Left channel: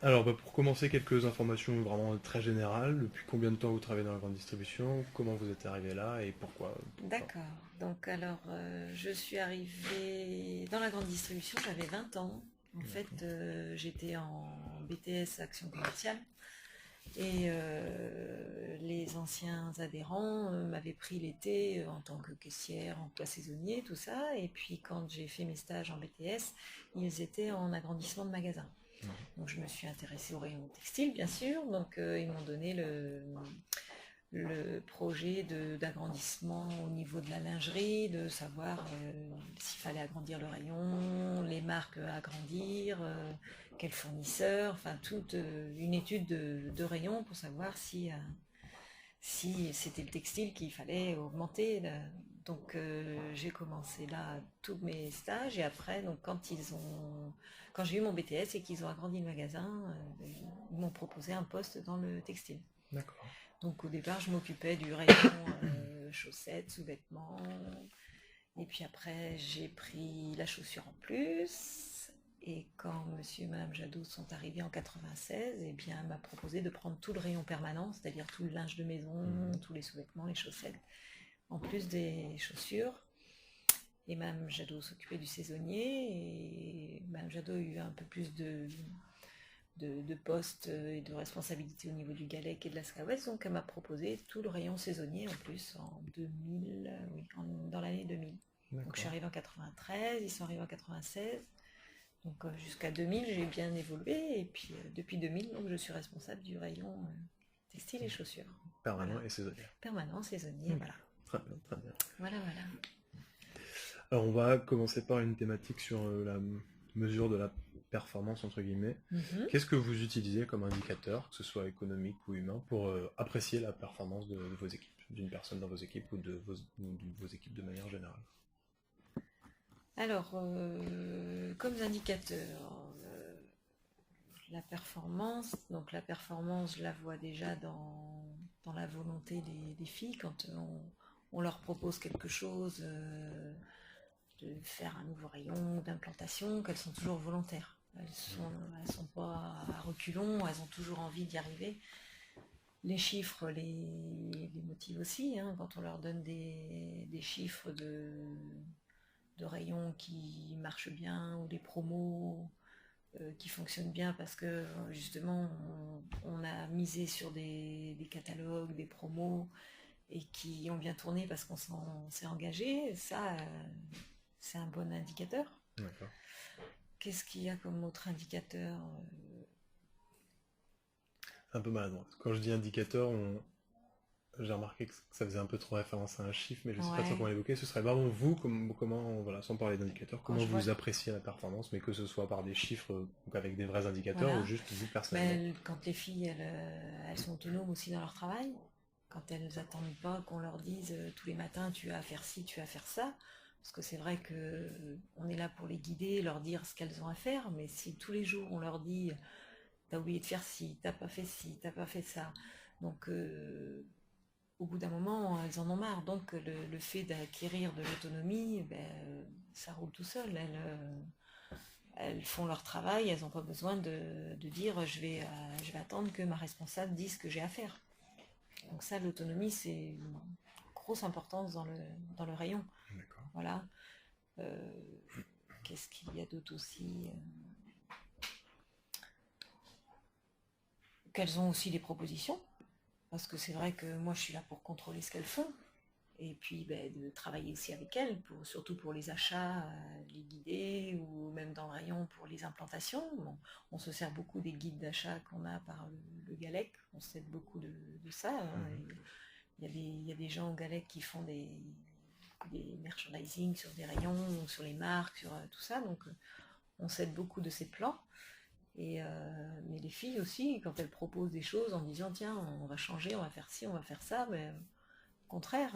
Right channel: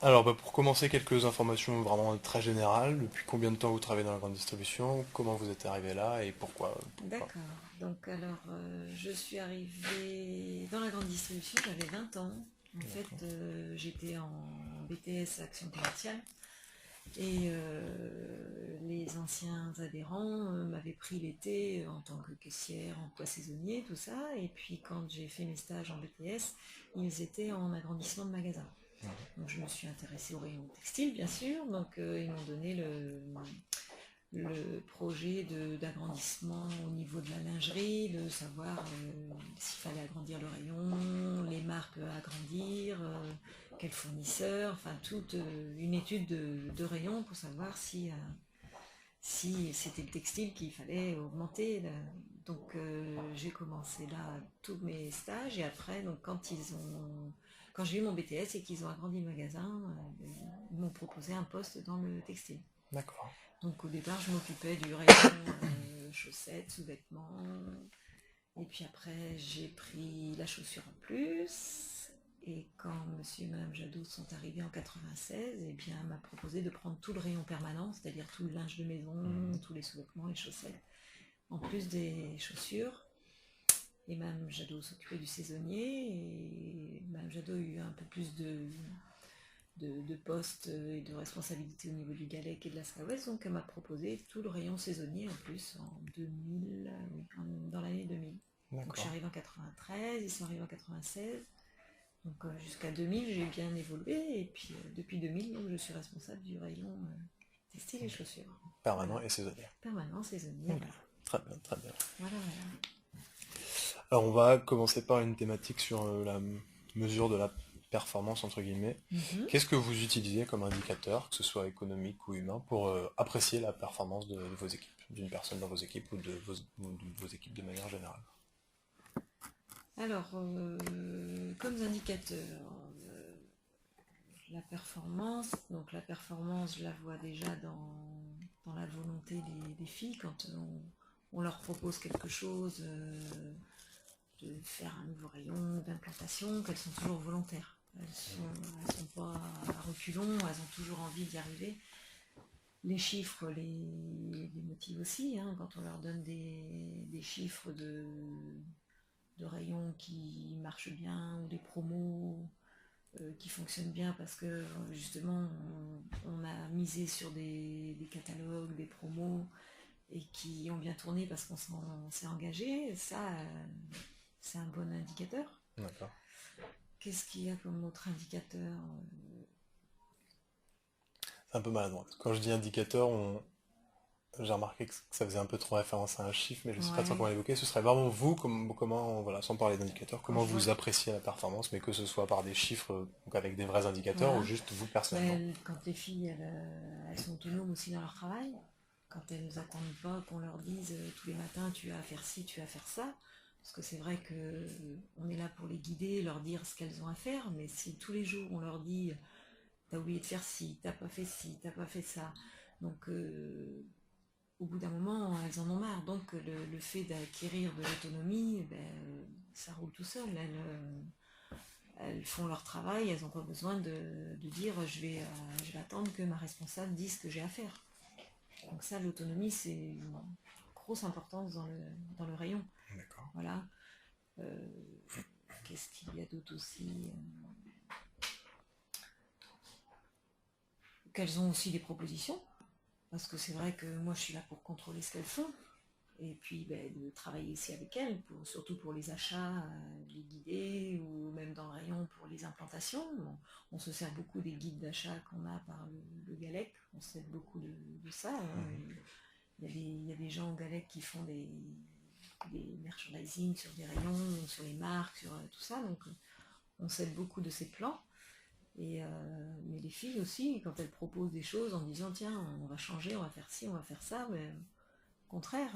Alors, pour commencer, quelques informations vraiment très générales. Depuis combien de temps vous travaillez dans la grande distribution? Comment vous êtes arrivé là et pourquoi? D'accord. Donc alors, je suis arrivée dans la grande distribution, j'avais 20 ans. En fait, D'accord. j'étais en BTS Action commerciale et les anciens adhérents m'avaient pris l'été en tant que caissière, emploi saisonnier, tout ça. Et puis quand j'ai fait mes stages en BTS, ils étaient en agrandissement de magasin. Mhm. Donc je me suis intéressée au rayon textile, bien sûr. Donc ils m'ont donné le projet d'agrandissement au niveau de la lingerie, de savoir s'il fallait agrandir le rayon, les marques à agrandir, quels fournisseurs, enfin toute une étude de rayon pour savoir si c'était le textile qu'il fallait augmenter. Donc j'ai commencé là tous mes stages et après, donc quand j'ai eu mon BTS et qu'ils ont agrandi le magasin, ils m'ont proposé un poste dans le textile. D'accord. Donc au départ, je m'occupais du rayon chaussettes, sous-vêtements. Et puis après, j'ai pris la chaussure en plus. Et quand monsieur et madame Jadot sont arrivés en 96, eh bien, elle m'a proposé de prendre tout le rayon permanent, c'est-à-dire tout le linge de maison, Mhm. tous les sous-vêtements, les chaussettes, en plus des chaussures. Et madame Jadot s'occupait du saisonnier. Et madame Jadot a eu un peu plus de postes et de responsabilités au niveau du Galec et de la Scawes, donc elle m'a proposé tout le rayon saisonnier en plus en 2000, oui, dans l'année 2000. Donc je suis D'accord. arrivée en 93, ils sont arrivés en 96, donc jusqu'à 2000 j'ai bien évolué et puis depuis 2000 donc je suis responsable du rayon textile et chaussures. Voilà, Permanent et saisonnière. permanent, saisonnier, Ok. voilà. Très bien, très bien. Voilà, voilà. Alors, on va commencer par une thématique sur la mesure de la performance, entre guillemets. Mhm. Qu'est-ce que vous utilisez comme indicateur, que ce soit économique ou humain, pour apprécier la performance de vos équipes, d'une personne dans vos équipes ou de vos équipes de manière générale? Alors, comme indicateur, la performance, donc la performance, je la vois déjà dans la volonté des filles quand on leur propose quelque chose, de faire un nouveau rayon, d'implantation, qu'elles sont toujours volontaires. Elles sont pas à reculons, elles ont toujours envie d'y arriver. Les chiffres les motivent aussi, hein, quand on leur donne des chiffres de rayons qui marchent bien ou des promos qui fonctionnent bien parce que justement on a misé sur des catalogues, des promos et qui ont bien tourné parce qu'on s'est engagé, ça c'est un bon indicateur. D'accord. Qu'est-ce qu'il y a comme autre indicateur? C'est un peu maladroit. Quand je dis indicateur, j'ai remarqué que ça faisait un peu trop référence à un chiffre, mais je ne sais pas trop Ouais, comment l'évoquer. Ce serait vraiment vous, comment, voilà, sans parler d'indicateurs, quand comment je vois, vous appréciez la performance, mais que ce soit par des chiffres, donc avec des vrais indicateurs, ou voilà, juste vous personnellement. mais quand les filles elles sont autonomes aussi dans leur travail, quand elles n'attendent pas qu'on leur dise tous les matins tu as à faire ci, tu as à faire ça, parce que c'est vrai que on est là pour les guider, leur dire ce qu'elles ont à faire, mais si tous les jours on leur dit t'as oublié de faire ci, t'as pas fait ça, donc au bout d'un moment elles en ont marre, donc le fait d'acquérir de l'autonomie, ben, ça roule tout seul, elles font leur travail, elles n'ont pas besoin de dire je vais attendre que ma responsable dise ce que j'ai à faire. Donc ça, l'autonomie, c'est une grosse importance dans le rayon. D'accord. Voilà. Euh, Qu'est-ce qu'il y a d'autre aussi? Qu'elles ont aussi des propositions, parce que c'est vrai que moi, je suis là pour contrôler ce qu'elles font. Et puis ben, de travailler aussi avec elles, surtout pour les achats, les guider, ou même dans le rayon pour les implantations. Bon, on se sert beaucoup des guides d'achat qu'on a par le Galec, on s'aide beaucoup de ça, hein. Mhm. Il y a des gens au Galec qui font des merchandising sur des rayons, sur les marques, sur tout ça, donc on s'aide beaucoup de ces plans. Mais les filles aussi, quand elles proposent des choses en disant tiens, on va changer, on va faire ci, on va faire ça, mais au contraire,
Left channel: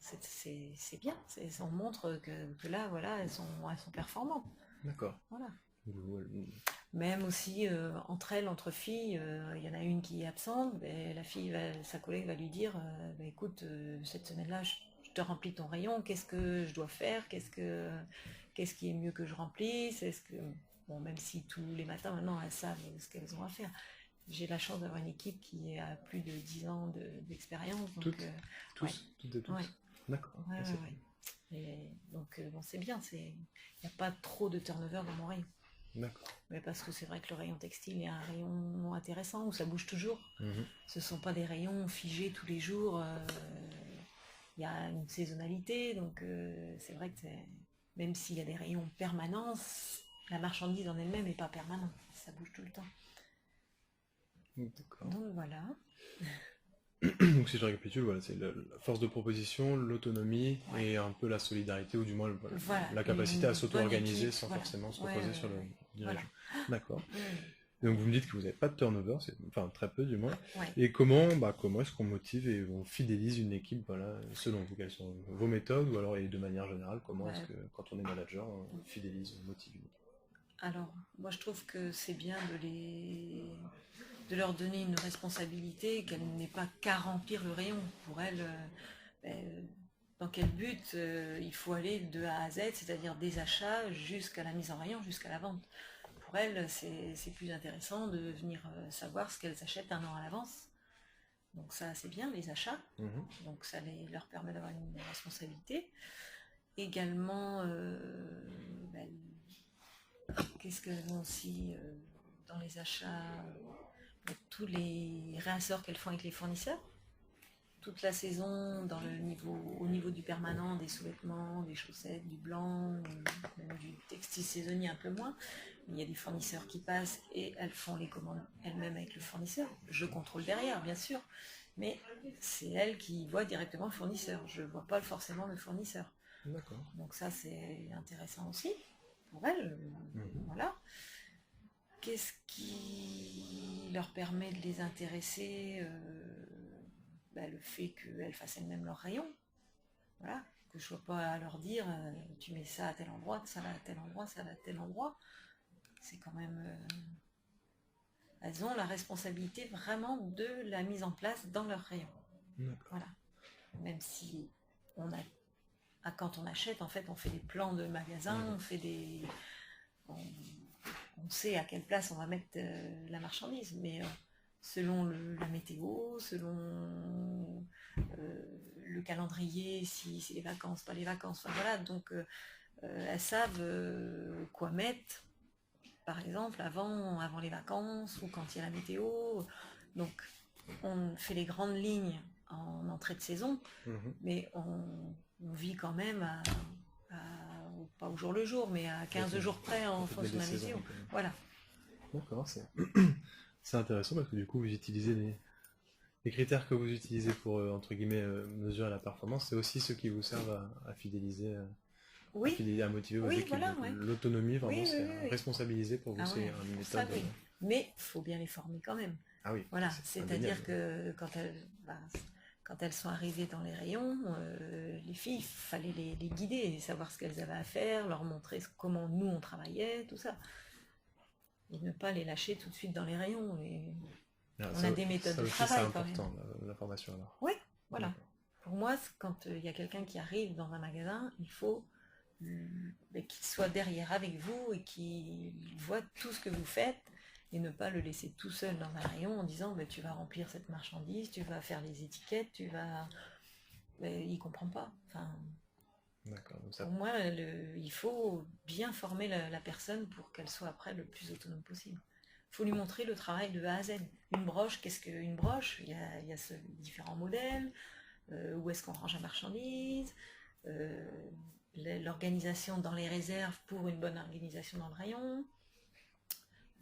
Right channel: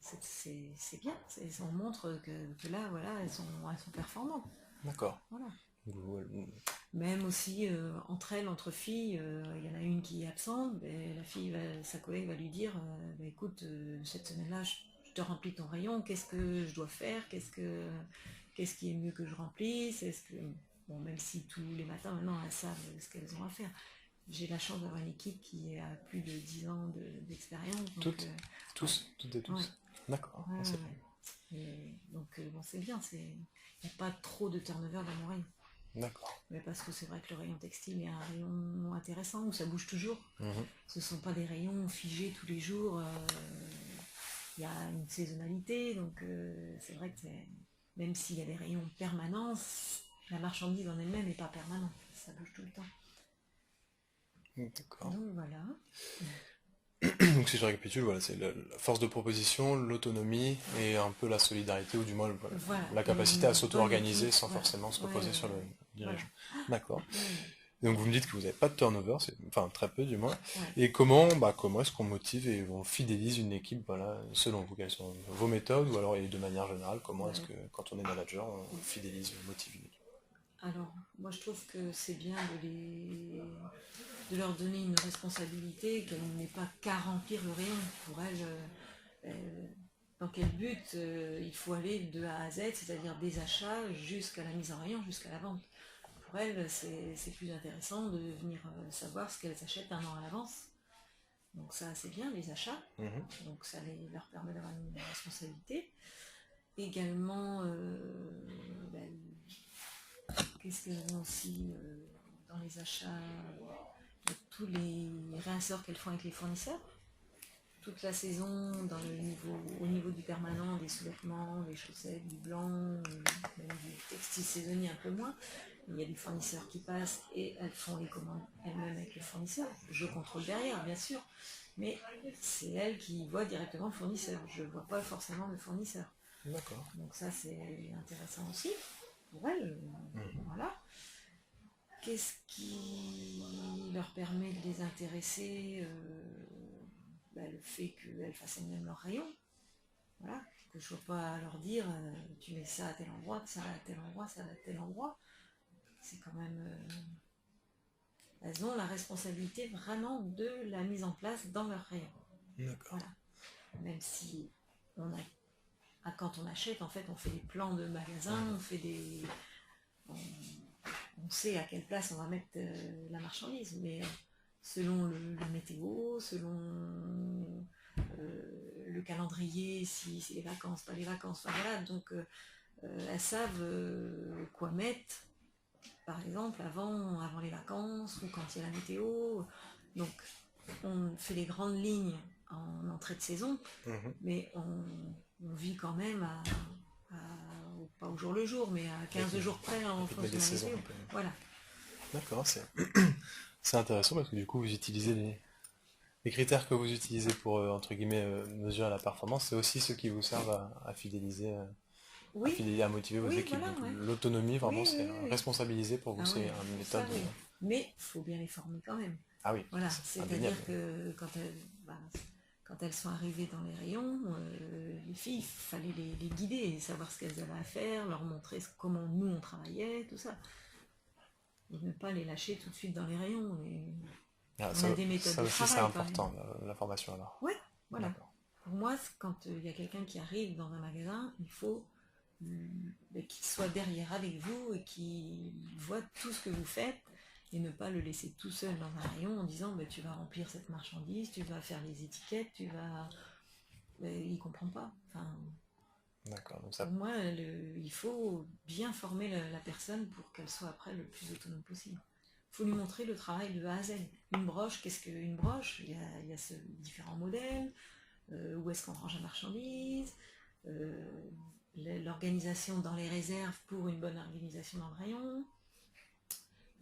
c'est bien. On montre que là, voilà, elles sont performantes. D'accord. Voilà. Vous- Même aussi entre elles, entre filles, il y en a une qui est absente, ben, sa collègue va lui dire ben, écoute, cette semaine-là, je te remplis ton rayon, qu'est-ce que je dois faire, qu'est-ce qui est mieux que je remplisse, est-ce que bon, même si tous les matins maintenant elles savent ce qu'elles ont à faire. J'ai la chance d'avoir une équipe qui a plus de 10 ans d'expérience. Toutes et tous. Ouais. D'accord. Ouais, C'est ouais. Et donc bon, c'est bien, il n'y a pas trop de turnover dans mon rayon. D'accord. Mais parce que c'est vrai que le rayon textile est un rayon intéressant où ça bouge toujours. Ce ne sont pas des rayons figés tous les jours. Il y a une saisonnalité, donc c'est vrai que même s'il y a des rayons permanents, la marchandise en elle-même n'est pas permanente. Ça bouge tout le temps. D'accord. Donc voilà. Donc si je récapitule, voilà, c'est la force de proposition, l'autonomie et un peu la solidarité, ou du moins Voilà. la capacité à s'auto-organiser équipe, sans voilà. forcément se reposer sur le dirigeant. Voilà. D'accord. Et donc vous me dites que vous n'avez pas de turnover, enfin très peu du moins. Ouais. Et comment est-ce qu'on motive et on fidélise une équipe, voilà, selon vous, quelles sont vos méthodes, ou alors et de manière générale, comment est-ce que quand on est manager, on fidélise, on motive une équipe? Alors, moi je trouve que c'est bien de leur donner une responsabilité, qu'elle n'est pas qu'à remplir le rayon. Pour elles, dans quel but il faut aller de A à Z, c'est-à-dire des achats jusqu'à la mise en rayon, jusqu'à la vente. Pour elles, c'est plus intéressant de venir savoir ce qu'elles achètent un an à l'avance. Donc ça, c'est bien, les achats. Donc ça leur permet d'avoir une responsabilité. Également, qu'est-ce qu'elles ont aussi dans les achats, tous les réassorts qu'elles font avec les fournisseurs. Toute la saison, au niveau du permanent, des sous-vêtements, des chaussettes, du blanc, même du textile saisonnier un peu moins. Il y a des fournisseurs qui passent et elles font les commandes elles-mêmes avec le fournisseur. Je contrôle derrière, bien sûr, mais c'est elles qui voient directement le fournisseur. Je ne vois pas forcément le fournisseur. D'accord. Donc ça, c'est intéressant aussi pour elles. Voilà. Qu'est-ce qui leur permet de les intéresser le fait qu'elles fassent elles-mêmes leur rayon. Voilà. Que je ne sois pas à leur dire tu mets ça à tel endroit, ça va à tel endroit, ça va à tel endroit. C'est quand même... elles ont la responsabilité vraiment de la mise en place dans leur rayon. Voilà. Même si quand on achète, en fait, on fait des plans de magasins, on sait à quelle place on va mettre la marchandise, mais selon la météo, selon le calendrier, si c'est les vacances, pas les vacances, enfin voilà, donc elles savent quoi mettre, par exemple, avant les vacances, ou quand il y a la météo. Donc on fait les grandes lignes en entrée de saison, mais on vit quand même pas au jour le jour, mais à 15 jours près en fonction de la météo. Voilà. D'accord, c'est intéressant parce que du coup vous utilisez les critères que vous utilisez pour entre guillemets mesurer la performance, c'est aussi ceux qui vous servent à fidéliser, à motiver vos équipes. Voilà, donc l'autonomie vraiment c'est oui. responsabiliser pour vous, c'est une méthode. Ça, oui. Mais il faut bien les former quand même. Ah oui. Voilà, c'est-à-dire que quand elles sont arrivées dans les rayons, les filles, il fallait les guider et savoir ce qu'elles avaient à faire, leur montrer comment nous on travaillait, tout ça. Et ne pas les lâcher tout de suite dans les rayons. On a des méthodes de travail. C'est important, la formation alors. Oui, voilà. Pour moi, quand il y a quelqu'un qui arrive dans un magasin, il faut qu'il soit derrière avec vous et qu'il voit tout ce que vous faites et ne pas le laisser tout seul dans un rayon en disant tu vas remplir cette marchandise, tu vas faire les étiquettes, il ne comprend pas. Enfin, d'accord. Donc pour moi, il faut bien former la personne pour qu'elle soit après le plus autonome possible. Il faut lui montrer le travail de A à Z. Une broche, qu'est-ce qu'une broche? Il y a différents modèles, où est-ce qu'on range la marchandise, l'organisation dans les réserves pour une bonne organisation dans le rayon.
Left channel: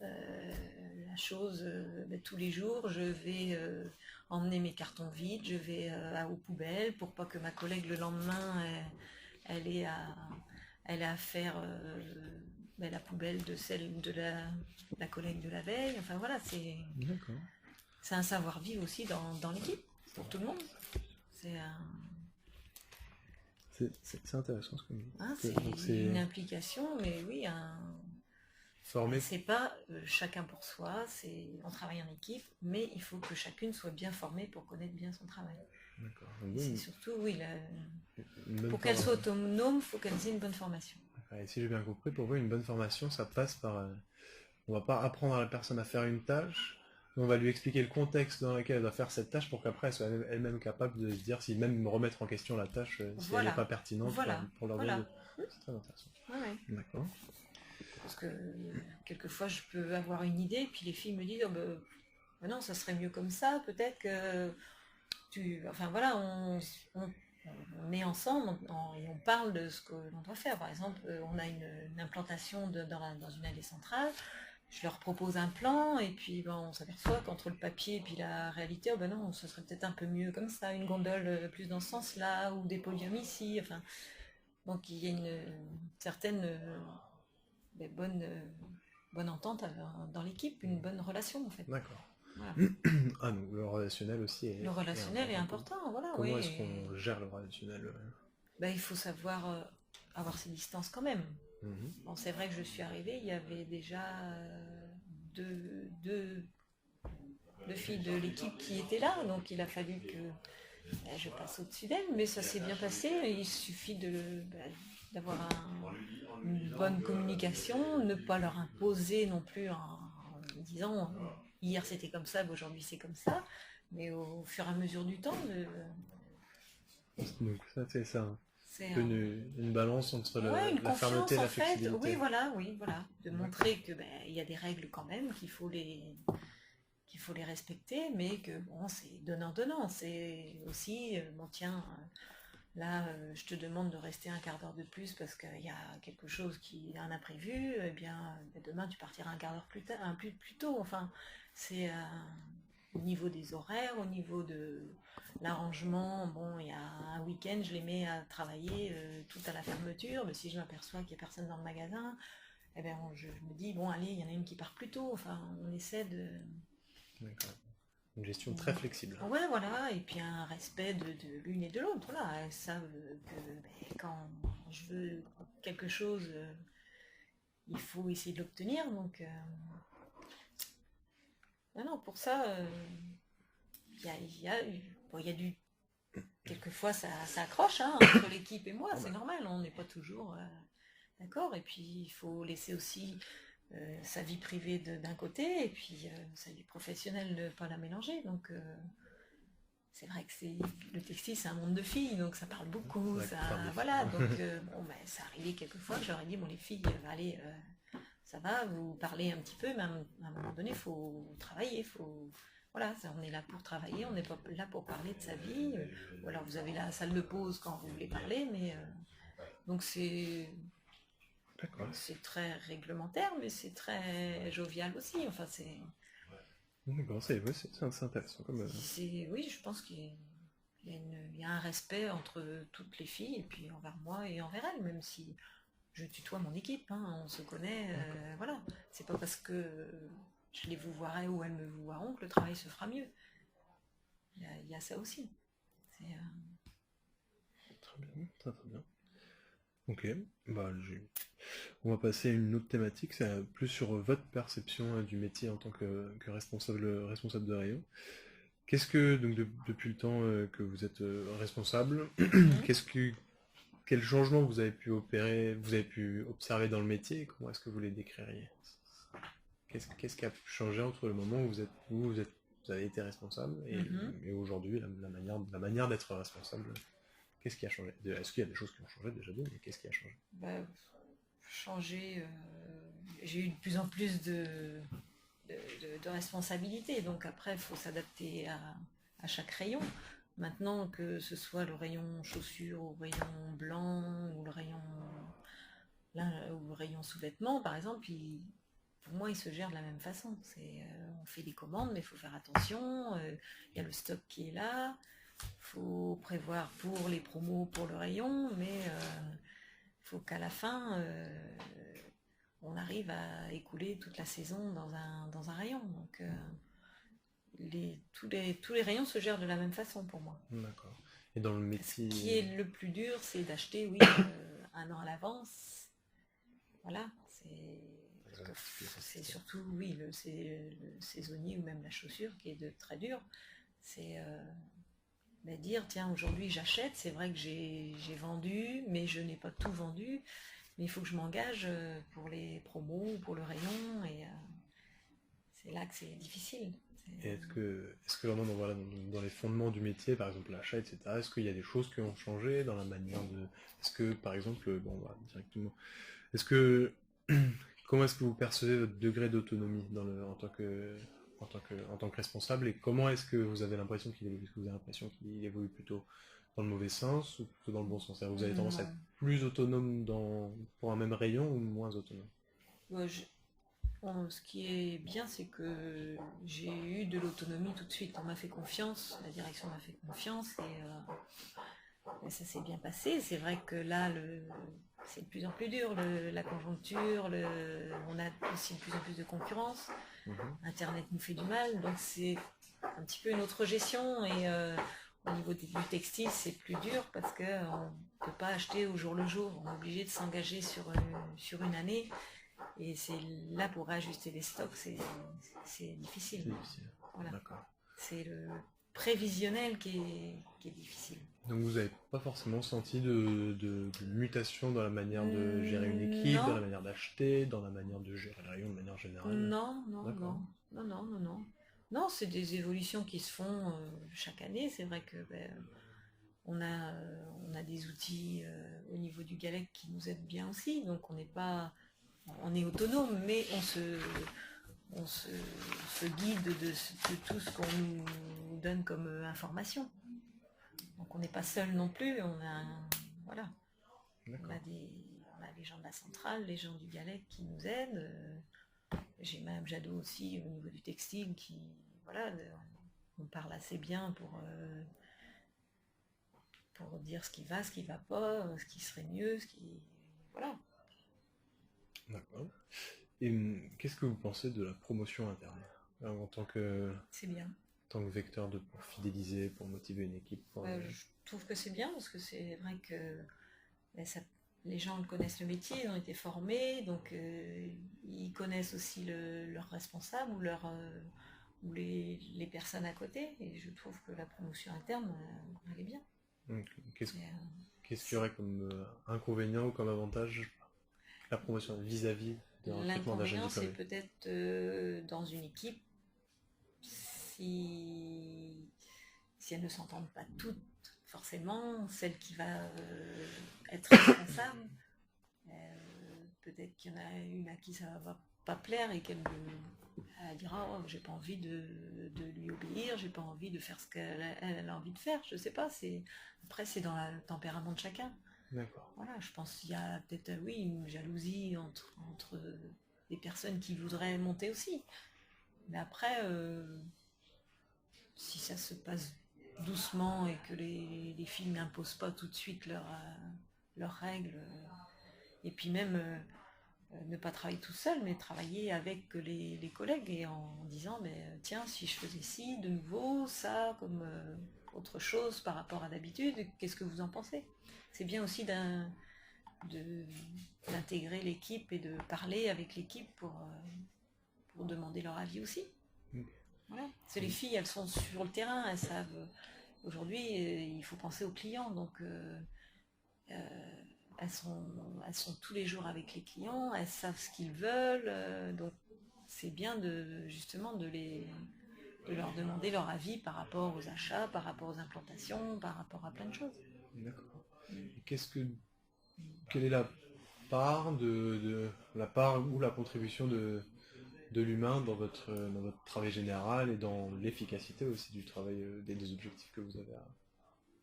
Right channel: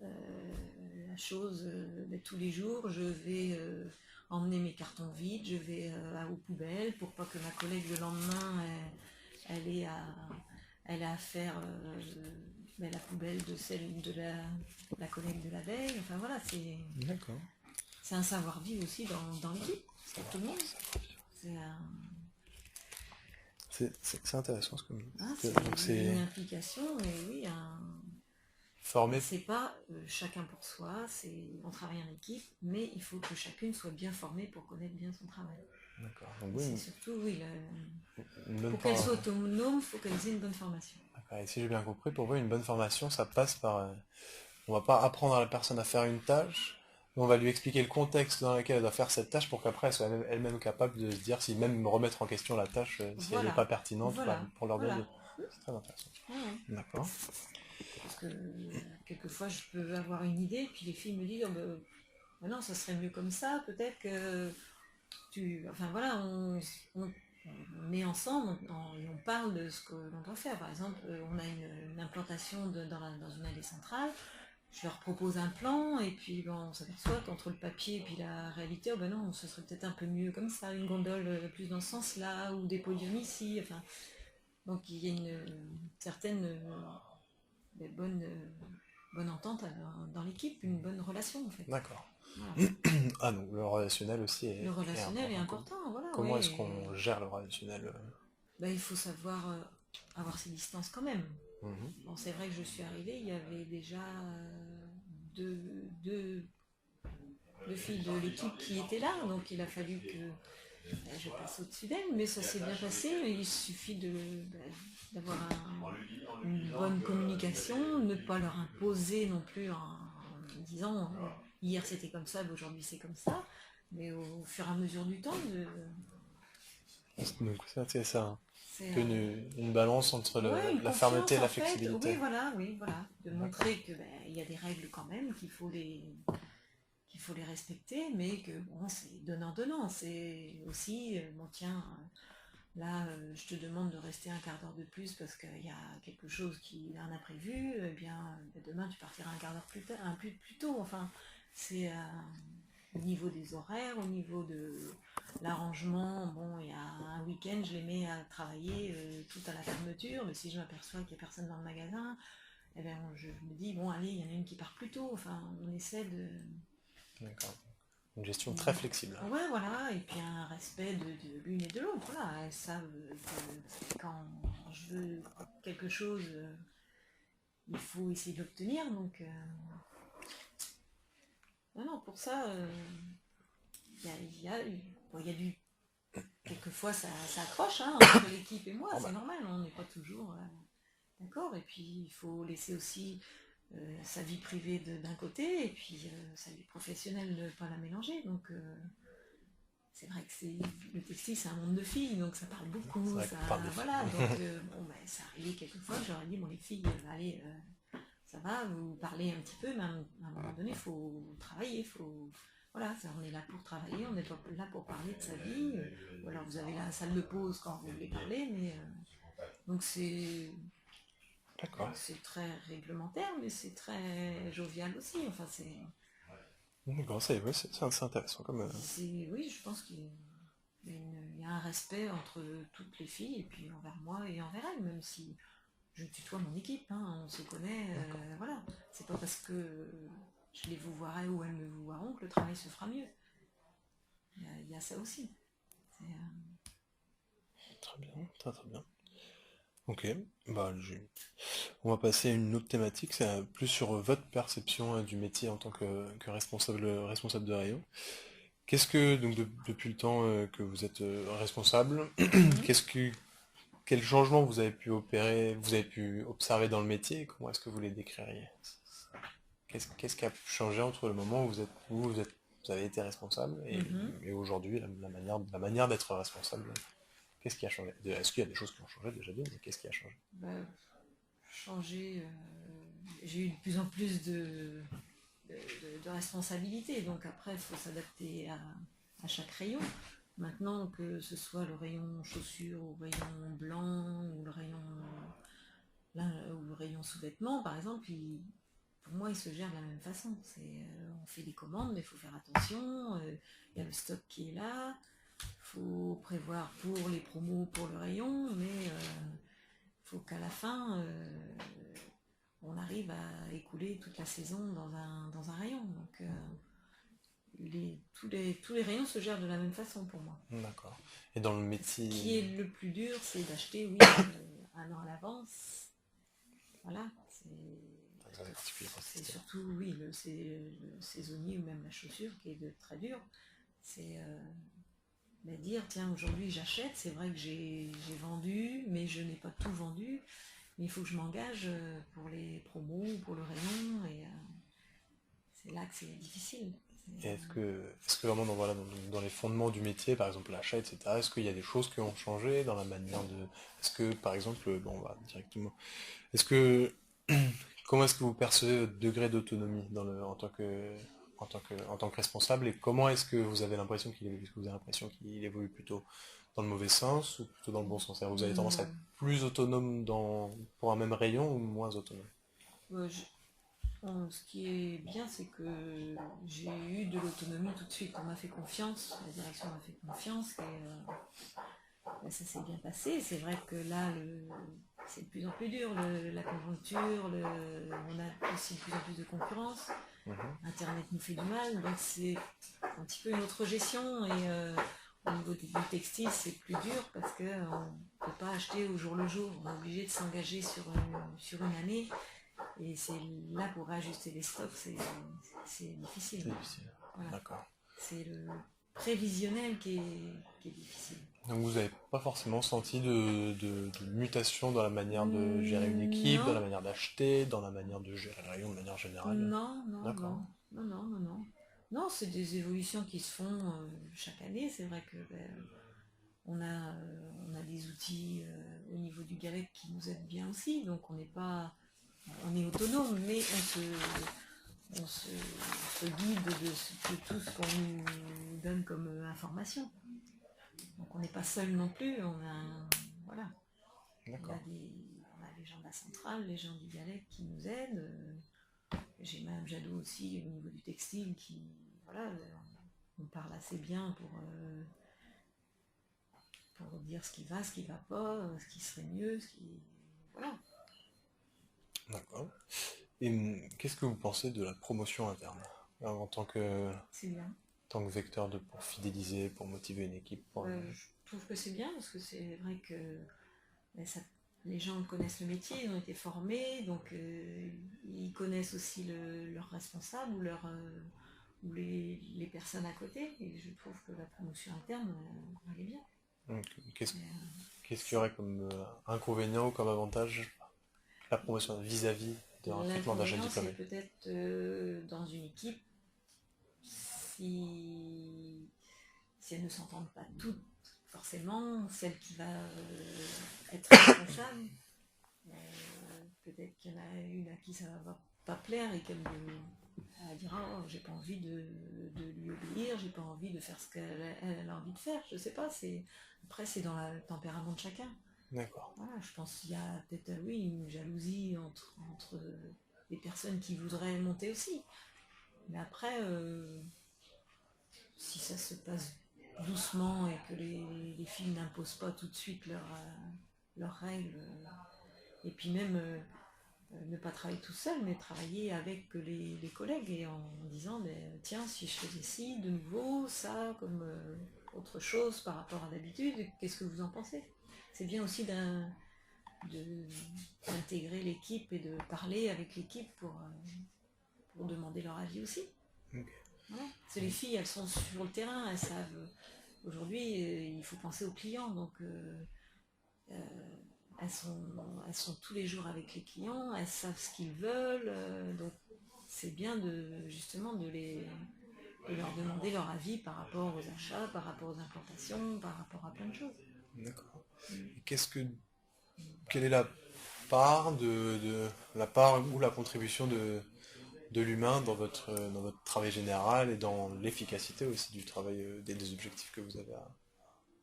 La chose, tous les jours, je vais emmener mes cartons vides, je vais aux poubelles pour pas que ma collègue le lendemain, elle ait à faire la poubelle de celle de la collègue de la veille. Enfin voilà, c'est un savoir-vivre aussi dans l'équipe, pour tout le monde. C'est intéressant ce que vous dites. C'est une implication, mais oui, former. C'est pas chacun pour soi, on travaille en équipe, mais il faut que chacune soit bien formée pour connaître bien son travail. D'accord. C'est surtout, pour qu'elle soit autonome, il faut qu'elle ait une bonne formation. D'accord. Et si j'ai bien compris, pour vous, une bonne formation, ça passe par... on va pas apprendre à la personne à faire une tâche, mais on va lui expliquer le contexte dans lequel elle doit faire cette tâche pour qu'après elle soit elle-même capable de se dire si même remettre en question la tâche si elle n'est Voilà, pas pertinente voilà, pour leur voilà. de... C'est très intéressant. Ouais, ouais. D'accord. Parce que quelquefois je peux avoir une idée, puis les filles me disent oh, ben non, ça serait mieux comme ça, peut-être que tu. Enfin voilà, on est ensemble et on parle de ce que l'on doit faire. Par exemple, on a une implantation dans une allée centrale. Je leur propose un plan et puis on s'aperçoit qu'entre le papier et puis la réalité, oh ben non, ce serait peut-être un peu mieux comme ça, une gondole plus dans ce sens-là, ou des podiums ici. Enfin, donc il y a une certaine bonne entente dans l'équipe, une bonne relation en fait. D'accord. Voilà. Ah donc le relationnel aussi Le relationnel est important, voilà. Comment Oui, est-ce qu'on gère le relationnel il faut savoir avoir ses distances quand même. Bon, c'est vrai que je suis arrivée, il y avait déjà deux filles de l'équipe qui étaient là, donc il a fallu que je passe au-dessus d'elles, mais ça s'est bien passé. Il suffit d'avoir une bonne communication, ne pas leur imposer non plus en disant hier c'était comme ça, aujourd'hui c'est comme ça, mais au fur et à mesure du temps. Donc ça, c'est ça. C'est Une balance entre la fermeté et la flexibilité. Oui, voilà. De montrer que il y a des règles quand même, qu'il faut les respecter, mais que bon, c'est donnant-donnant. C'est aussi, bon tiens, là, je te demande de rester un quart d'heure de plus parce qu'il y a quelque chose qui est un imprévu, eh bien, demain tu partiras un quart d'heure plus tôt. Enfin, c'est au niveau des horaires, au niveau de l'arrangement. Bon, il y a un week-end, je les mets à travailler tout à la fermeture, mais si je m'aperçois qu'il n'y a personne dans le magasin, eh bien, je me dis, bon, allez, il y en a une qui part plus tôt. Enfin, on essaie de... D'accord. Une gestion très flexible. Ouais, voilà, et puis un respect de l'une et de l'autre. Voilà, elles savent que quand je veux quelque chose, il faut essayer de l'obtenir. Donc, non, pour ça, il y a du. Quelquefois, ça accroche entre l'équipe et moi, c'est normal, on n'est pas toujours d'accord. Et puis, il faut laisser aussi sa vie privée d'un côté et puis sa vie professionnelle ne pas la mélanger. Donc c'est vrai que le textile c'est un monde de filles, donc ça parle beaucoup. Voilà, donc ça arrivait quelquefois que j'aurais dit bon les filles, allez, ça va, vous parlez un petit peu, mais à un moment donné, il faut travailler, voilà, on est là pour travailler, on n'est pas là pour parler de sa vie. Ou alors vous avez la salle de pause quand vous voulez parler, mais donc c'est. D'accord. C'est très réglementaire, mais c'est très jovial aussi. Enfin, c'est. D'accord, c'est intéressant comme. Oui, je pense qu'il y a un respect entre toutes les filles et puis envers moi et envers elles, même si je tutoie mon équipe, on se connaît, voilà. C'est pas parce que je les vous voirai ou elles me vous voiront que le travail se fera mieux. Il y a ça aussi. Très bien, très bien. Ok, on va passer à une autre thématique, c'est plus sur votre perception du métier en tant que responsable de rayon. Qu'est-ce que, donc depuis le temps que vous êtes responsable, quel changement vous avez pu opérer, vous avez pu observer dans le métier, et comment est-ce que vous les décririez? Qu'est-ce qui a changé entre le moment où vous avez été responsable et aujourd'hui, la manière d'être responsable? Qu'est-ce qui a changé? Est-ce qu'il y a des choses qui ont changé déjà bien, mais qu'est-ce qui a changé? Changer, j'ai eu de plus en plus de responsabilités, donc après il faut s'adapter à chaque rayon. Maintenant, que ce soit le rayon chaussures, ou le rayon blanc, ou le rayon sous-vêtements, par exemple, pour moi, il se gère de la même façon. On fait des commandes, mais il faut faire attention. Il y a le stock qui est là. Il faut prévoir pour les promos, pour le rayon, mais il faut qu'à la fin, on arrive à écouler toute la saison dans un rayon. Donc, tous les rayons se gèrent de la même façon pour moi. D'accord. Et dans le métier... Ce qui est le plus dur, c'est d'acheter, oui, un an à l'avance. Voilà. C'est surtout, oui, le saisonnier ou même la chaussure qui est très dur. C'est dire, tiens, aujourd'hui j'achète, c'est vrai que j'ai vendu, mais je n'ai pas tout vendu. Mais il faut que je m'engage pour les promos, pour le rayon, et c'est là que c'est difficile. Et est-ce que vraiment dans les fondements du métier, par exemple l'achat, etc., est-ce qu'il y a des choses qui ont changé dans la manière de... Est-ce que, par exemple, bon, on va directement... Est-ce que... Comment est-ce que vous percevez votre degré d'autonomie en tant que responsable, et comment est-ce que vous avez l'impression qu'il évolue? Est-ce que vous avez l'impression qu'il évolue plutôt dans le mauvais sens ou plutôt dans le bon sens? C'est-à-dire, vous avez tendance à être Non. plus autonome pour un même rayon ou moins autonome? Ouais, ce qui est bien, c'est que j'ai eu de l'autonomie tout de suite. On m'a fait confiance, la direction m'a fait confiance, et ça s'est bien passé. C'est vrai que là, c'est de plus en plus dur, la conjoncture, on a aussi de plus en plus de concurrence. Internet nous fait du mal, donc c'est un petit peu une autre gestion. Et au niveau du textile, c'est plus dur parce qu'on ne peut pas acheter au jour le jour. On est obligé de s'engager sur une année. Et c'est là pour réajuster les stocks, c'est difficile. C'est difficile. Voilà. D'accord. C'est le prévisionnel qui est difficile. Donc vous n'avez pas forcément senti de mutation dans la manière de gérer une équipe, dans la manière d'acheter, dans la manière de gérer le rayon de manière générale? Non, non, D'accord. non. Non, c'est des évolutions qui se font chaque année. C'est vrai que on a des outils au niveau du GALEC qui nous aident bien aussi. Donc on est autonome, mais on se guide de tout ce qu'on nous donne comme information. Donc on n'est pas seul non plus, voilà. D'accord. On a les gens de la centrale, les gens du GALEC qui nous aident. J'ai Mme Jadot aussi au niveau du textile qui, voilà, on parle assez bien pour dire ce qui va pas, ce qui serait mieux, voilà. D'accord. Et qu'est-ce que vous pensez de la promotion interne en C'est bien. tant que vecteur pour fidéliser, pour motiver une équipe Je trouve que c'est bien parce que c'est vrai que les gens connaissent le métier, ils ont été formés, donc ils connaissent aussi leurs responsables ou les personnes à côté, et je trouve que la promotion interne, elle est bien. Qu'est-ce qu'il y aurait comme inconvénient ou comme avantage la promotion vis-à-vis des recrutements d'un jeune diplômé? C'est peut-être dans une équipe, si elles ne s'entendent pas toutes, forcément, celle qui va être responsable, peut-être qu'il y en a une à qui ça va pas plaire et qu'elle dira j'ai pas envie de lui obéir, j'ai pas envie de faire ce qu'elle a envie de faire, je sais pas, après c'est dans le tempérament de chacun. D'accord. Voilà, je pense qu'il y a peut-être une jalousie entre des personnes qui voudraient monter aussi, mais après si ça se passe doucement et que les filles n'imposent pas tout de suite leurs règles, et puis même ne pas travailler tout seul, mais travailler avec les collègues et en disant tiens, si je faisais ci de nouveau, ça comme autre chose par rapport à d'habitude, qu'est-ce que vous en pensez? C'est bien aussi d'intégrer l'équipe et de parler avec l'équipe pour demander leur avis aussi. Okay. Ouais. Parce que les filles, elles sont sur le terrain, elles savent. Aujourd'hui, il faut penser aux clients, donc elles sont tous les jours avec les clients, elles savent ce qu'ils veulent, donc c'est bien justement de leur demander leur avis par rapport aux achats, par rapport aux implantations, par rapport à plein de choses. D'accord. Et quelle est la part la part ou la contribution de l'humain dans votre travail général et dans l'efficacité aussi du travail, des objectifs que vous avez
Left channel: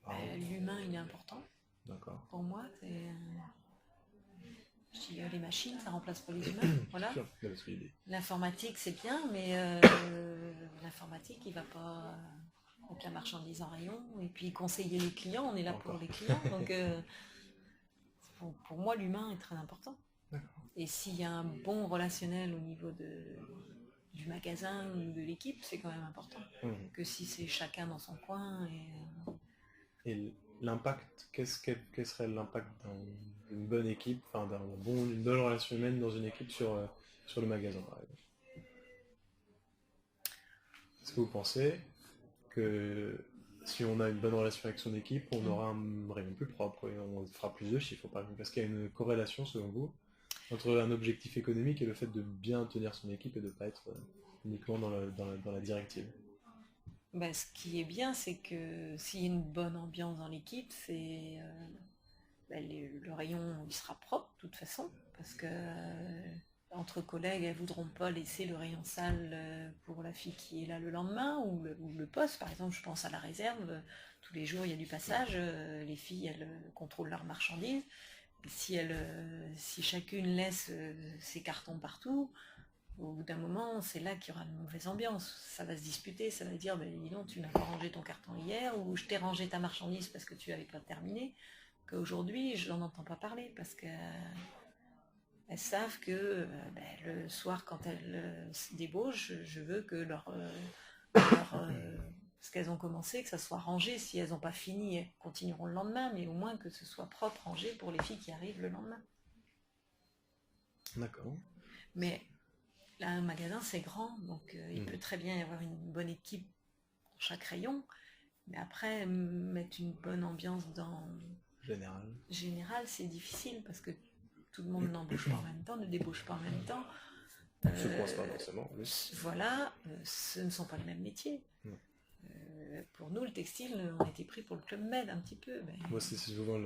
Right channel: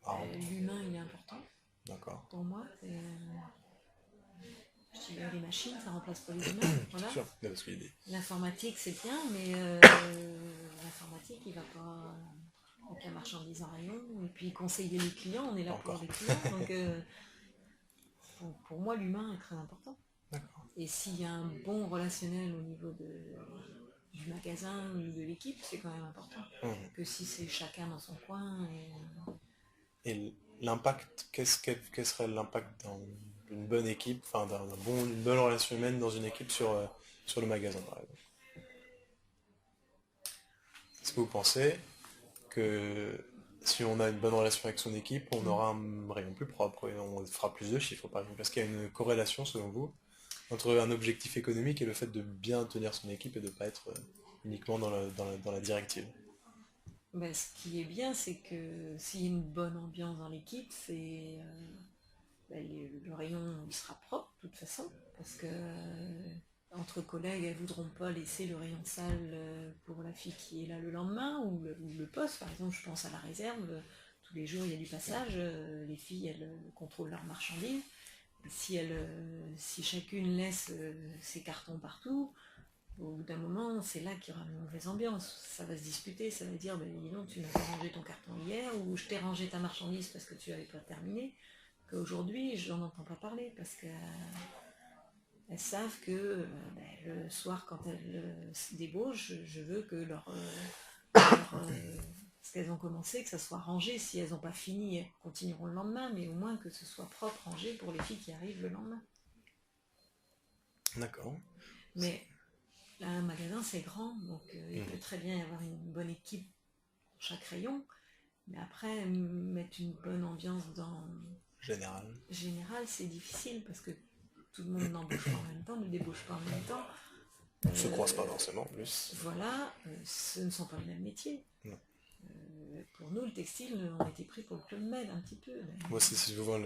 à l'humain, il est important. D'accord. Pour moi, je dis les machines, ça remplace pas les humains. Voilà. Sûr. L'informatique, c'est bien, mais l'informatique, il va pas avec la marchandise en rayon, et puis conseiller les clients, on est là pour les clients, donc pour moi, l'humain est très important. D'accord. Et s'il y a un bon relationnel au niveau du magasin ou de l'équipe, c'est quand même important. Que si c'est chacun dans son coin. Et l'impact, quel serait l'impact d'une bonne équipe, enfin d'une bonne relation humaine dans une équipe sur le magasin, par exemple? Est-ce que vous pensez que si on a une bonne relation avec son équipe, on aura un rayon plus propre et on fera plus de chiffres, par exemple. Est-ce qu'il y a une corrélation, selon vous, entre un objectif économique et le fait de bien tenir son équipe et de ne pas être uniquement dans la directive? Ben, ce qui est bien, c'est que s'il y a une bonne ambiance dans l'équipe, le rayon il sera propre de toute façon, parce que entre collègues, elles ne voudront pas laisser le rayon sale pour la fille qui est là le lendemain, ou le poste, par exemple, je pense à la réserve, tous les jours il y a du passage, les filles elles contrôlent leurs marchandises, et si chacune laisse ses cartons partout, au bout d'un moment, c'est là qu'il y aura une mauvaise ambiance. Ça va se disputer, ça va dire, ben, dis donc, tu n'as pas rangé ton carton hier, ou je t'ai rangé ta marchandise parce que tu n'avais pas terminé. Qu'aujourd'hui, je n'en entends pas parler, parce qu'elles savent que le soir, quand elles se débauchent, je veux que ce qu'elles ont commencé, que ça soit rangé. Si elles n'ont pas fini, elles continueront le lendemain, mais au moins que ce soit propre, rangé pour les filles qui arrivent le lendemain. D'accord. Mais là, un magasin, c'est grand, donc il peut très bien y avoir une bonne équipe pour chaque rayon, mais après, mettre une bonne ambiance dans général, c'est difficile, parce que tout le monde n'embauche pas en même temps, ne débauche pas en même temps. Ne se croisent pas forcément, en plus. Voilà, ce ne sont pas les mêmes métiers. Pour nous, le textile, on était pris pour le Club Med un petit peu. Mais... Moi, c'est souvent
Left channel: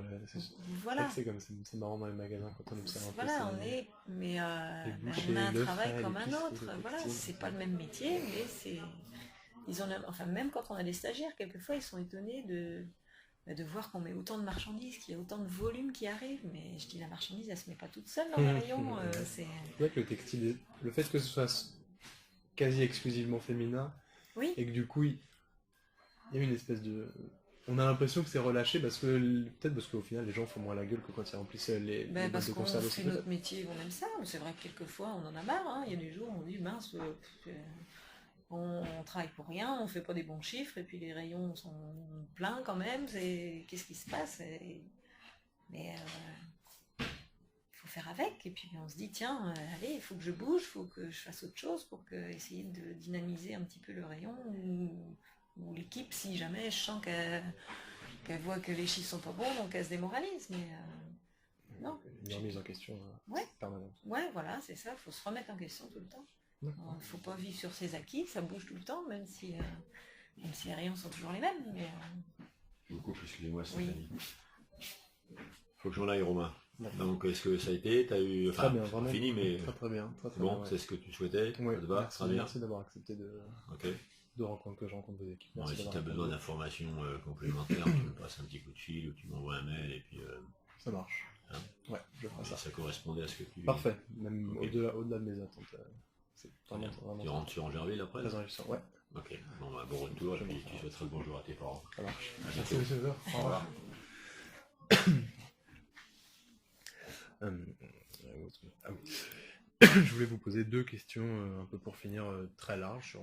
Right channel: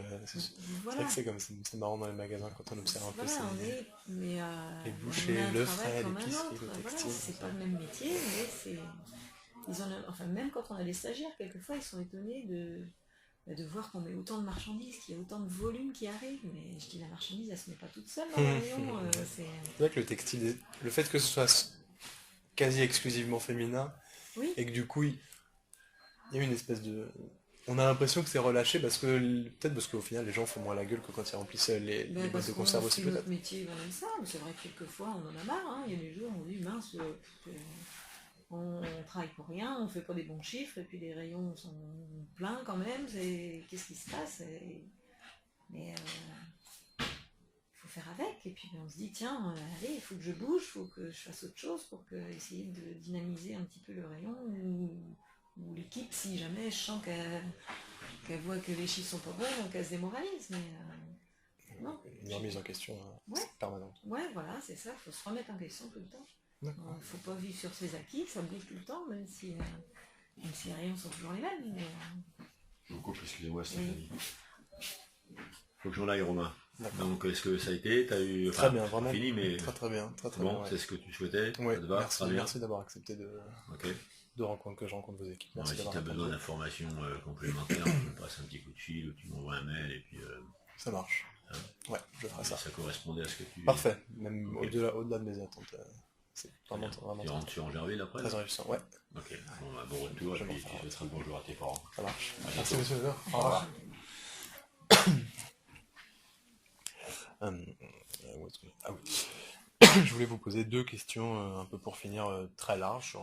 voilà. C'est comme c'est marrant dans les magasins quand on observe un peu. Voilà, mais les bouchers, on a un le travail frais, comme un l'épicerie, autre. le Voilà, textile. c'est pas le même métier, mais même quand on a des stagiaires, quelquefois ils sont étonnés de voir qu'on met autant de marchandises, qu'il y a autant de volume qui arrive, mais je dis la marchandise elle se met pas toute seule dans le rayon. C'est vrai que le textile, le fait que ce soit quasi exclusivement féminin, oui. et que du coup il y a une espèce de... On a l'impression que c'est relâché peut-être parce qu'au final les gens font moins la gueule que quand ils remplissent les boîtes de conserve aussi. C'est notre métier, on aime ça, mais c'est vrai que quelquefois on en a marre, hein. Il y a des jours où on dit mince, on travaille pour rien, on fait pas des bons chiffres, et puis les rayons sont pleins quand même, qu'est-ce qui se passe? Mais il faut faire avec, et puis on se dit tiens, allez, il faut que je bouge, il faut que je fasse autre chose pour essayer de dynamiser un petit peu le rayon, ou l'équipe, si jamais je sens qu'elle voit que les chiffres sont pas bons, donc elle se démoralise, mais non. Une remise en question permanente. Ouais, voilà, c'est ça, il faut se remettre en question tout le temps. Il ne faut pas vivre sur ses acquis, ça bouge tout le temps, même si les rayons sont toujours les mêmes. Mais, Je vous coupe, excusez-moi, Stéphanie. Faut que j'en aille, Romain. Donc, est-ce que ça a été? T'as eu... Très bien, vraiment. Fini, mais... Très bien. Bon, bien, c'est ce que tu souhaitais? Ouais, ça te va? merci d'avoir accepté que je rencontre vos équipes. Bon, si tu as besoin d'informations complémentaires, tu me passes un petit coup de fil ou tu m'envoies un mail et puis... Ça marche. Hein, ouais, je ferai ça. Ça correspondait à ce que tu... Parfait, même au-delà de mes attentes. C'est vraiment tu rentres en Gerville après? Très réjouissant, ouais. Ok, bon retour et puis tu souhaiteras le bonjour à tes parents. Ça marche. Merci monsieur Weber. Au revoir. Je voulais vous poser 2 questions un peu pour finir très larges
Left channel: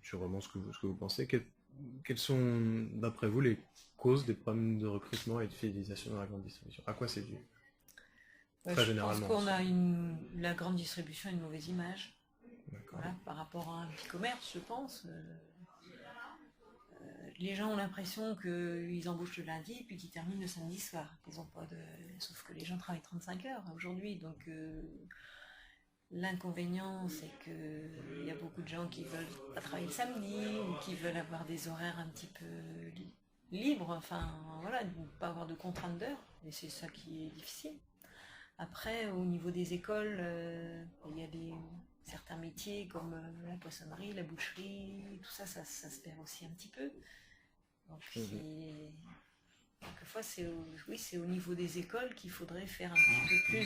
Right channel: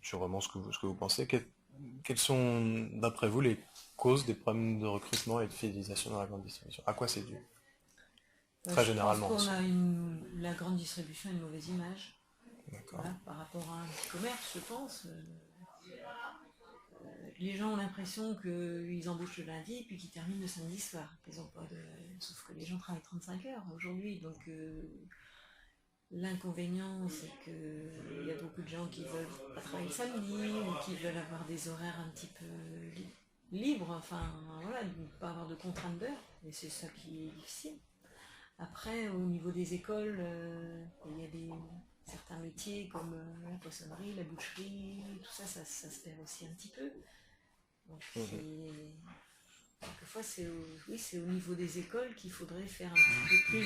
sur vraiment ce que vous pensez. Quelles sont d'après vous les causes des problèmes de recrutement et de fidélisation dans la grande distribution? À quoi c'est dû? Très généralement. Je pense qu'on a la grande distribution a une mauvaise image. Voilà, par rapport à un petit commerce, je pense. Les gens ont l'impression qu'ils embauchent le lundi puis qu'ils terminent le samedi soir. Ils ont pas Sauf que les gens travaillent 35 heures aujourd'hui. Donc l'inconvénient, c'est qu'il y a beaucoup de gens qui veulent pas travailler le samedi ou qui veulent avoir des horaires un petit peu libres. Enfin, voilà, ne pas avoir de contraintes d'heures. Et c'est ça qui est difficile. Après, au niveau des écoles, il y a certains métiers comme la poissonnerie, la boucherie, tout ça, ça se perd aussi un petit peu. Donc, quelquefois, c'est au niveau des écoles qu'il faudrait faire un petit peu plus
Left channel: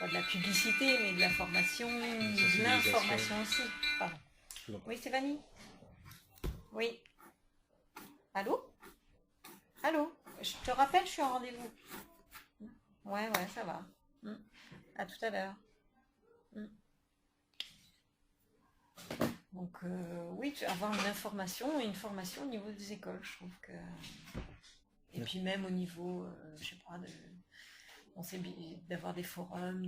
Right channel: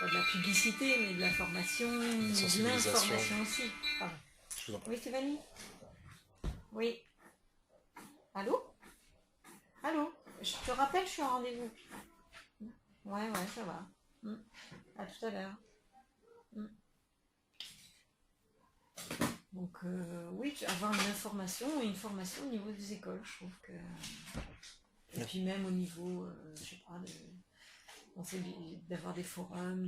pas de la publicité, mais de la formation, de l'information aussi. Pardon. Oui, Stéphanie? Oui. Allô? Allô? Je te rappelle, je suis en rendez-vous. Ouais, ça va. À tout à l'heure. Donc oui, avoir une formation au niveau des écoles, je trouve que... Et puis même au niveau, je sais pas, d'avoir des forums,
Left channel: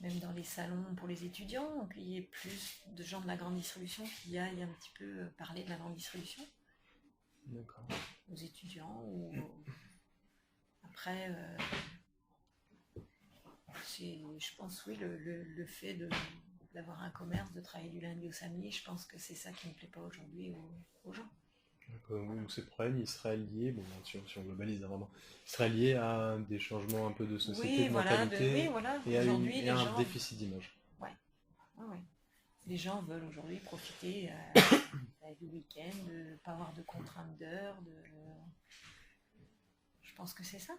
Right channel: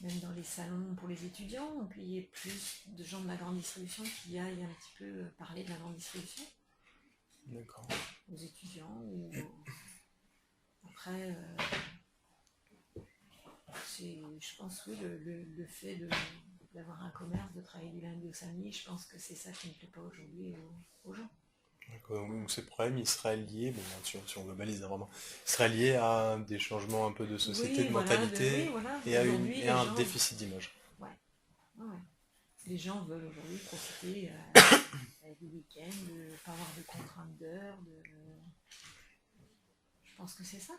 même dans les salons pour les étudiants, qu'il y ait plus de gens de la grande distribution qui aillent un petit peu parler de la grande distribution. D'accord. Aux étudiants. Ou... Après, je pense, oui, le fait d'avoir un commerce, de travailler du lundi au samedi, je pense que c'est ça qui ne plaît pas aujourd'hui aux gens. D'accord. Donc ces problèmes, ils seraient liés, bon, si on globalise hein, vraiment, ils seraient liés à des changements un peu de société, Oui, de voilà, mentalité, et à aujourd'hui, un les gens... déficit d'image. Ouais. Ouais. Les gens veulent aujourd'hui profiter du week-end, de ne pas avoir de contraintes d'heures. Je pense que c'est ça.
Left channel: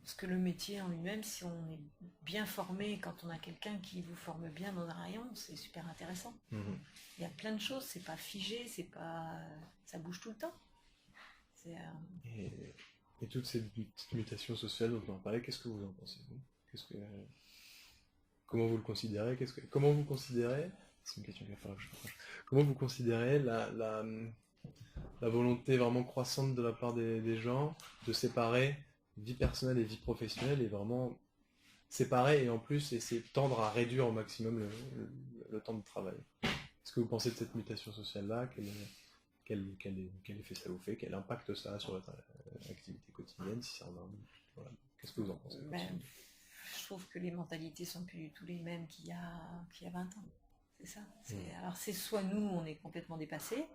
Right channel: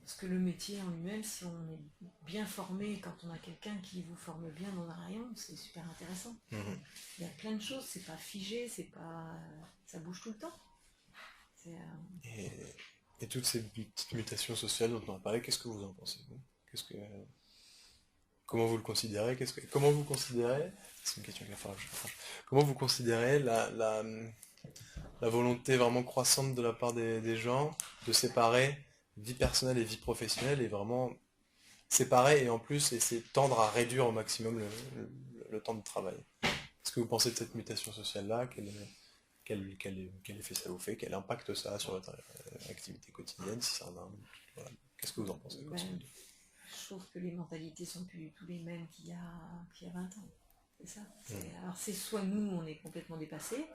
Parce que le métier en lui-même, si on est bien formé, quand on a quelqu'un qui vous forme bien dans un rayon, c'est super intéressant. Mhm. Il y a plein de choses, c'est pas figé, ça bouge tout le temps. Et toutes ces petites mutations sociales dont on a parlé, qu'est-ce que vous en pensez vous Comment vous le considérez Comment vous considérez C'est une question qu'il va falloir que je fasse. Comment vous considérez la volonté vraiment croissante de la part des gens de séparer vie personnelle et vie professionnelle et vraiment séparer et en plus essayer de tendre à réduire au maximum le temps de travail. Qu'est-ce que vous pensez de cette mutation sociale-là quel effet ça vous fait? Quel impact ça a sur votre activité quotidienne si ça en a voilà. Qu'est-ce que vous en pensez Je trouve que les mentalités sont plus du tout les mêmes qu'il y a 20 ans. C'est ça. Alors c'est soit nous, on est complètement dépassés,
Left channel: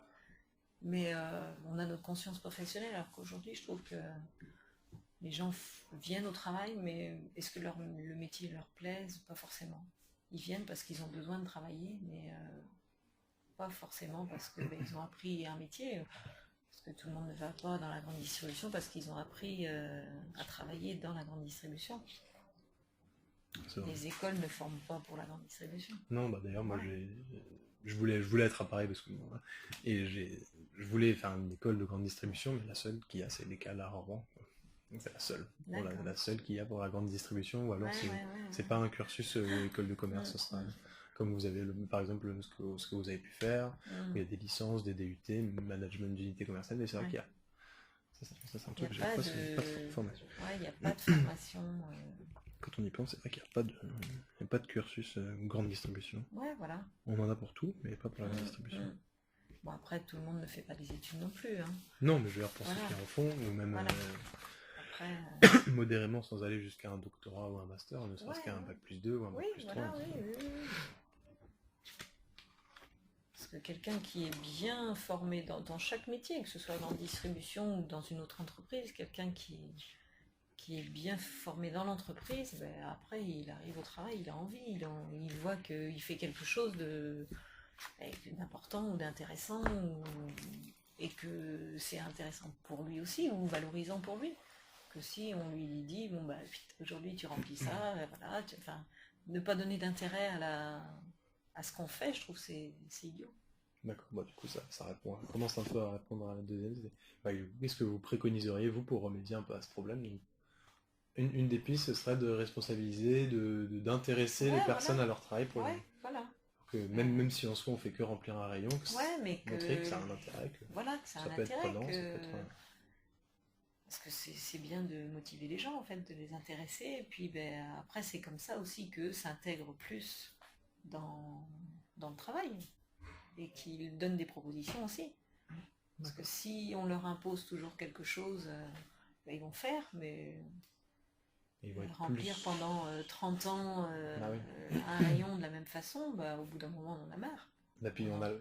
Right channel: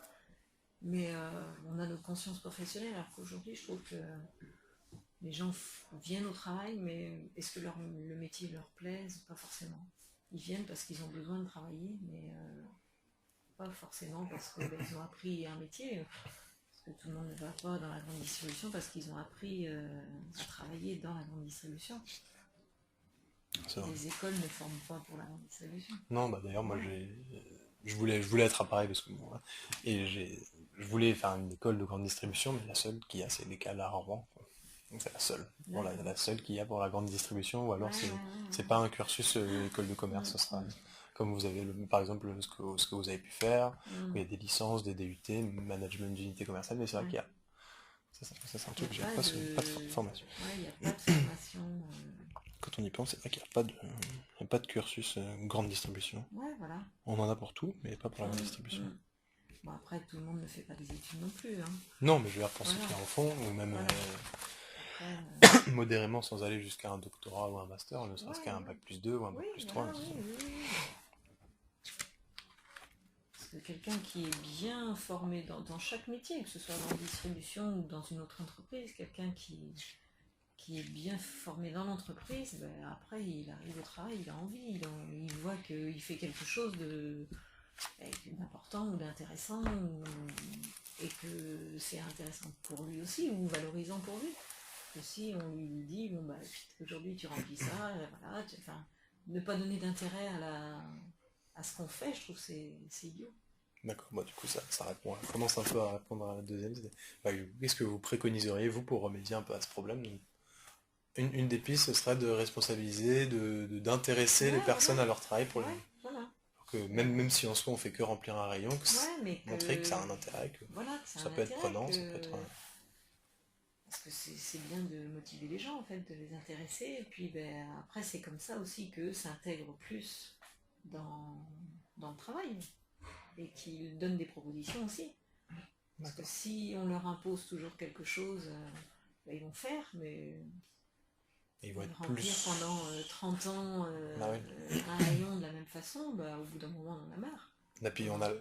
mais on a notre conscience professionnelle, alors qu'aujourd'hui, je trouve que les gens viennent au travail, mais est-ce que le métier leur plaise? Pas forcément. Ils viennent parce qu'ils ont besoin de travailler, mais pas forcément parce qu'ils ont appris un métier. Parce que tout le monde ne va pas dans la grande distribution parce qu'ils ont appris à travailler dans la grande distribution. Les écoles ne forment pas pour la grande distribution. Non, bah d'ailleurs, moi, je voulais être à Paris parce que bon, et je voulais faire une école de grande distribution, mais la seule qu'il y a, c'est l'école à Rouen. Donc c'est la seule. Voilà, la seule qu'il y a pour la grande distribution, ou alors c'est pas un cursus école de commerce, ce sera comme vous avez par exemple ce que vous avez pu faire, où il y a des licences, des DUT, management d'unité commerciale, mais c'est vrai qu'il y a. Ça c'est un truc que j'ai pas de formation. Ouais, il n'y a pas de formation. Quand on y pense, c'est vrai qu'il n'y a pas de cursus grande distribution. Ouais, voilà. On en a pour tout, mais pas pour la grande distribution. Bon, après, tout le monde ne fait pas des études non plus. Hein. Non, mais je veux dire pour ceux qui en font, ou même modérément sans aller jusqu'à un doctorat ou un master, ne serait-ce qu'à un bac plus 2 ou un bac plus 3. Parce que quelqu'un qui est bien formé dans chaque métier, que ce soit dans la distribution ou dans une autre entreprise, quelqu'un qui est bien formé dans l'entreprise, ben après il arrive au travail, il a envie, il voit qu'il fait quelque chose d'important ou d'intéressant, et que c'est intéressant pour lui aussi, ou valorisant pour lui. Que si on lui dit, bon bah aujourd'hui tu remplis ça, voilà, ne pas donner d'intérêt à ce qu'on fait, je trouve c'est idiot. D'accord, bah, du coup ça répond, ça commence un peu à répondre à la deuxième idée. Bah, qu'est-ce que vous préconiseriez vous pour remédier un peu à ce problème? Une des pistes, ce serait de responsabiliser, d'intéresser les personnes à leur travail pour que même si en soi on fait que remplir un rayon, montrer que ça a un intérêt, que ça peut être prenant, ça peut être... Parce que c'est bien de motiver les gens en fait, de les intéresser, et puis après c'est comme ça aussi qu'eux s'intègrent plus dans le travail, et qu'ils donnent des propositions aussi. Parce que si on leur impose toujours quelque chose, ils vont faire, mais... Ils vont être remplir pendant 30 ans un rayon de la même façon, au bout d'un moment on en a marre. Et puis on a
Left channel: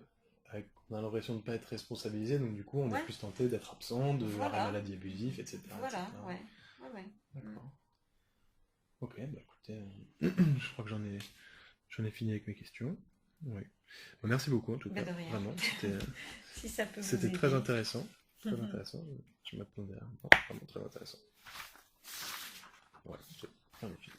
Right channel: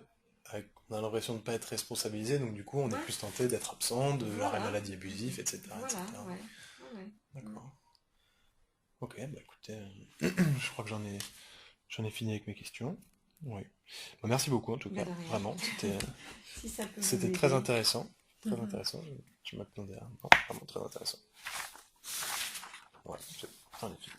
l'impression de ne pas être responsabilisé, donc du coup on est plus tenté d'être absent, de l'arrêt maladie abusif, etc. Voilà, ouais. D'accord. Ok, bah écoutez, je crois que j'en ai fini avec mes questions. Oui. Bah, merci beaucoup en tout cas. Vraiment, c'était très intéressant. Très intéressant. Je m'attendais à... Non, vraiment très intéressant. Ouais, j'en ai fini.